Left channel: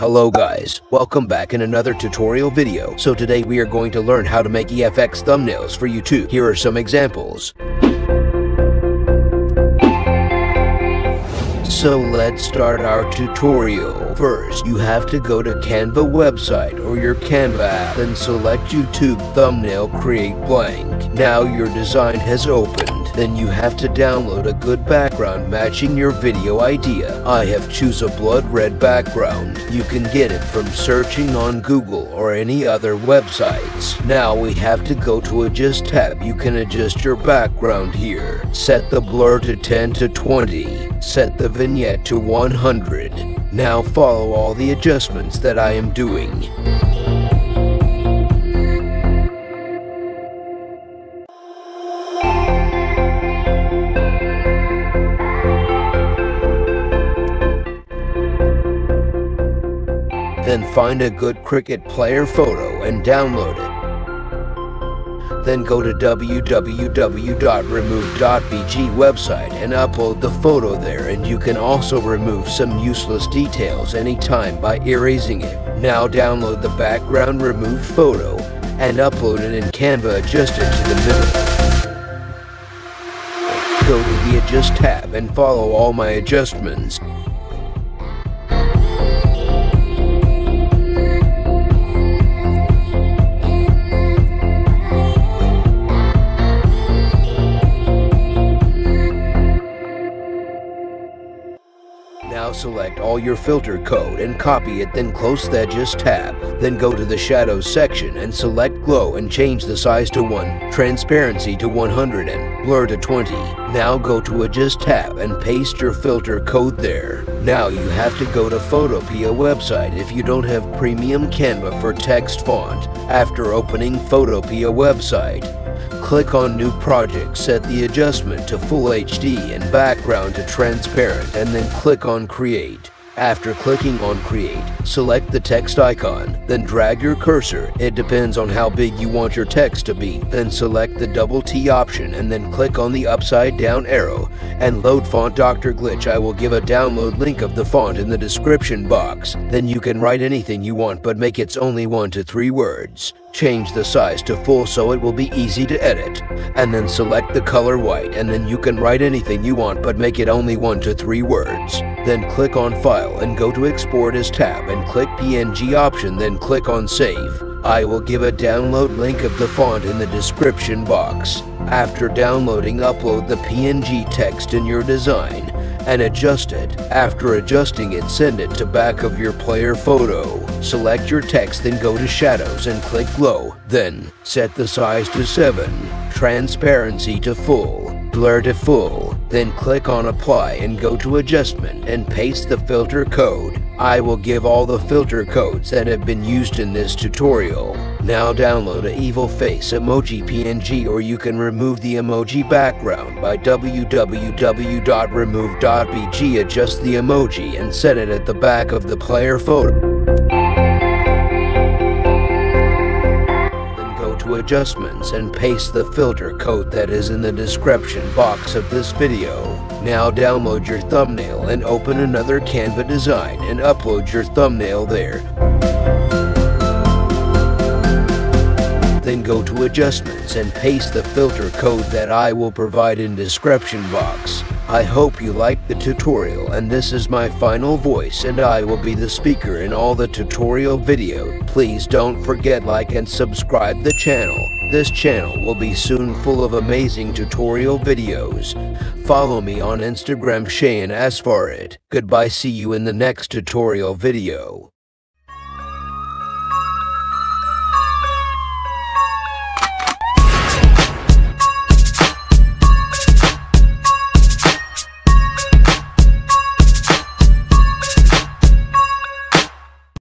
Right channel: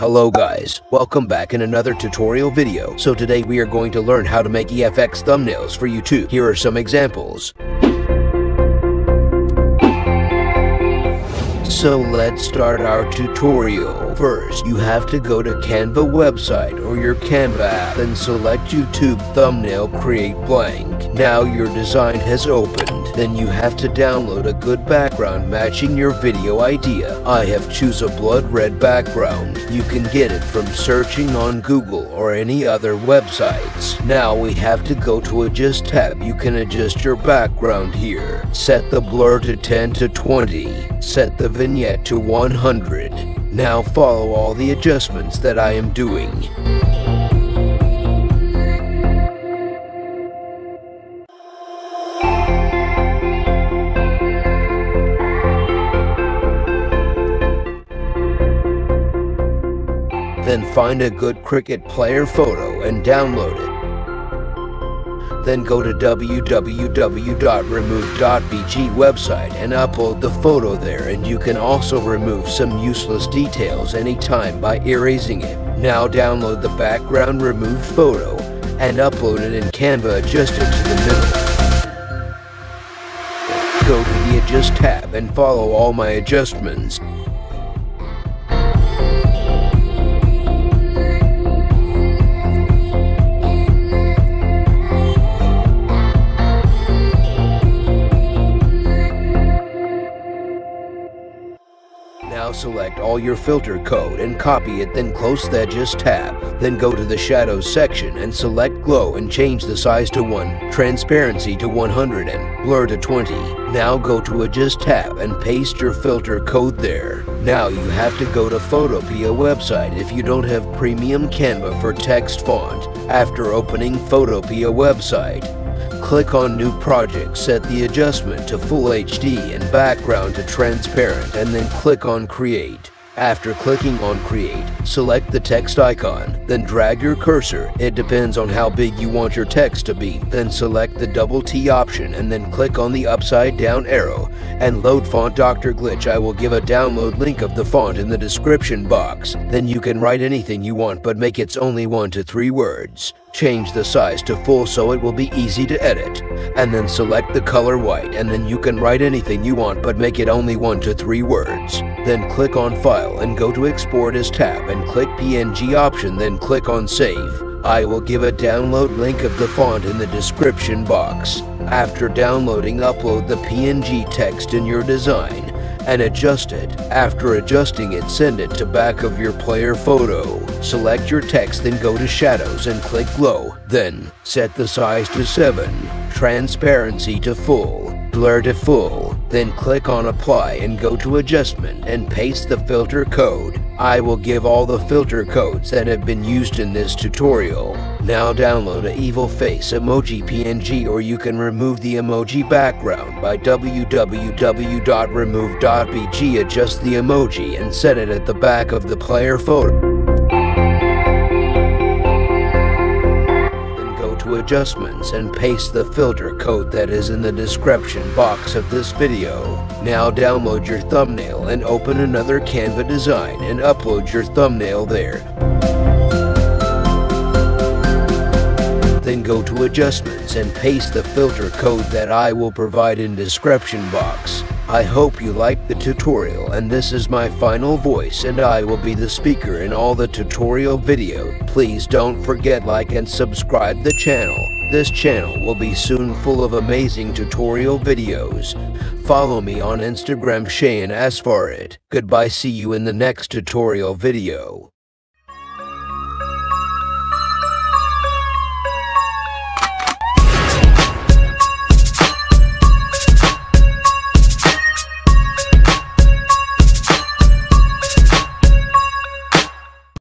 Hello guys, welcome back in another tutorial video. So today we are going to learn how to make EFX thumbnails for YouTube. Here are some examples. So let's start our tutorial. First, you have to go to Canva website or your Canva app, then select YouTube thumbnail, create blank. Now your design has opened. Then you have to download a good background matching your video idea. I have choose a blood red background. You can get it from searching on Google or any other websites. Now we have to go to Adjust tab. You can adjust your background here. Set the blur to 10 to 20. Set the vignette to 100. Now follow all the adjustments that I am doing. Then find a good Cricut player photo and download it. Then go to www.remove.bg website and upload the photo there, and you can also remove some useless details anytime by erasing it. Now download the background removed photo and upload it in Canva adjusted to the middle. Go to the Adjust tab and follow all my adjustments. Now select all your filter code and copy it, then close the Adjust tab. Then go to the Shadows section and select Glow and change the size to 1, Transparency to 100 and Blur to 20. Now go to Adjust tab and paste your filter code there. Now you have to go to Photopea website if you don't have premium Canva for text font. After opening Photopea website, click on New Project, set the adjustment to Full HD and background to transparent, and then click on Create. After clicking on Create, select the text icon, then drag your cursor. It depends on how big you want your text to be. Then select the double T option and then click on the upside down arrow and load font Dr. Glitch. I will give a download link of the font in the description box. Then you can write anything you want, but make it only 1 to 3 words. Change the size to full so it will be easy to edit. And then select the color white, and then you can write anything you want, but make it only 1 to 3 words. Then click on File and go to Export as tab and click PNG option, then click on Save. I will give a download link of the font in the description box. After downloading, upload the PNG text in your design and adjust it. After adjusting it, send it to back of your player photo. Select your text, then go to Shadows and click Glow. Then set the size to 7, Transparency to full, Blur to full. Then click on Apply and go to Adjustment and paste the filter code. I will give all the filter codes that have been used in this tutorial. Now download a evil face emoji PNG, or you can remove the emoji background by www.remove.bg. Adjust the emoji and set it at the back of the player photo. Then go to Adjustments and paste the filter code that is in the description box of this video. Now download your thumbnail and open another Canva design and upload your thumbnail there. Then go to Adjustments and paste the filter code that I will provide in description box. I hope you liked the tutorial, and this is my final voice, and I will be the speaker in all the tutorial videos. Please don't forget like and subscribe the channel. This channel will be soon full of amazing tutorial videos. Follow me on Instagram, Shayan Azfar. Goodbye, see you in the next tutorial video.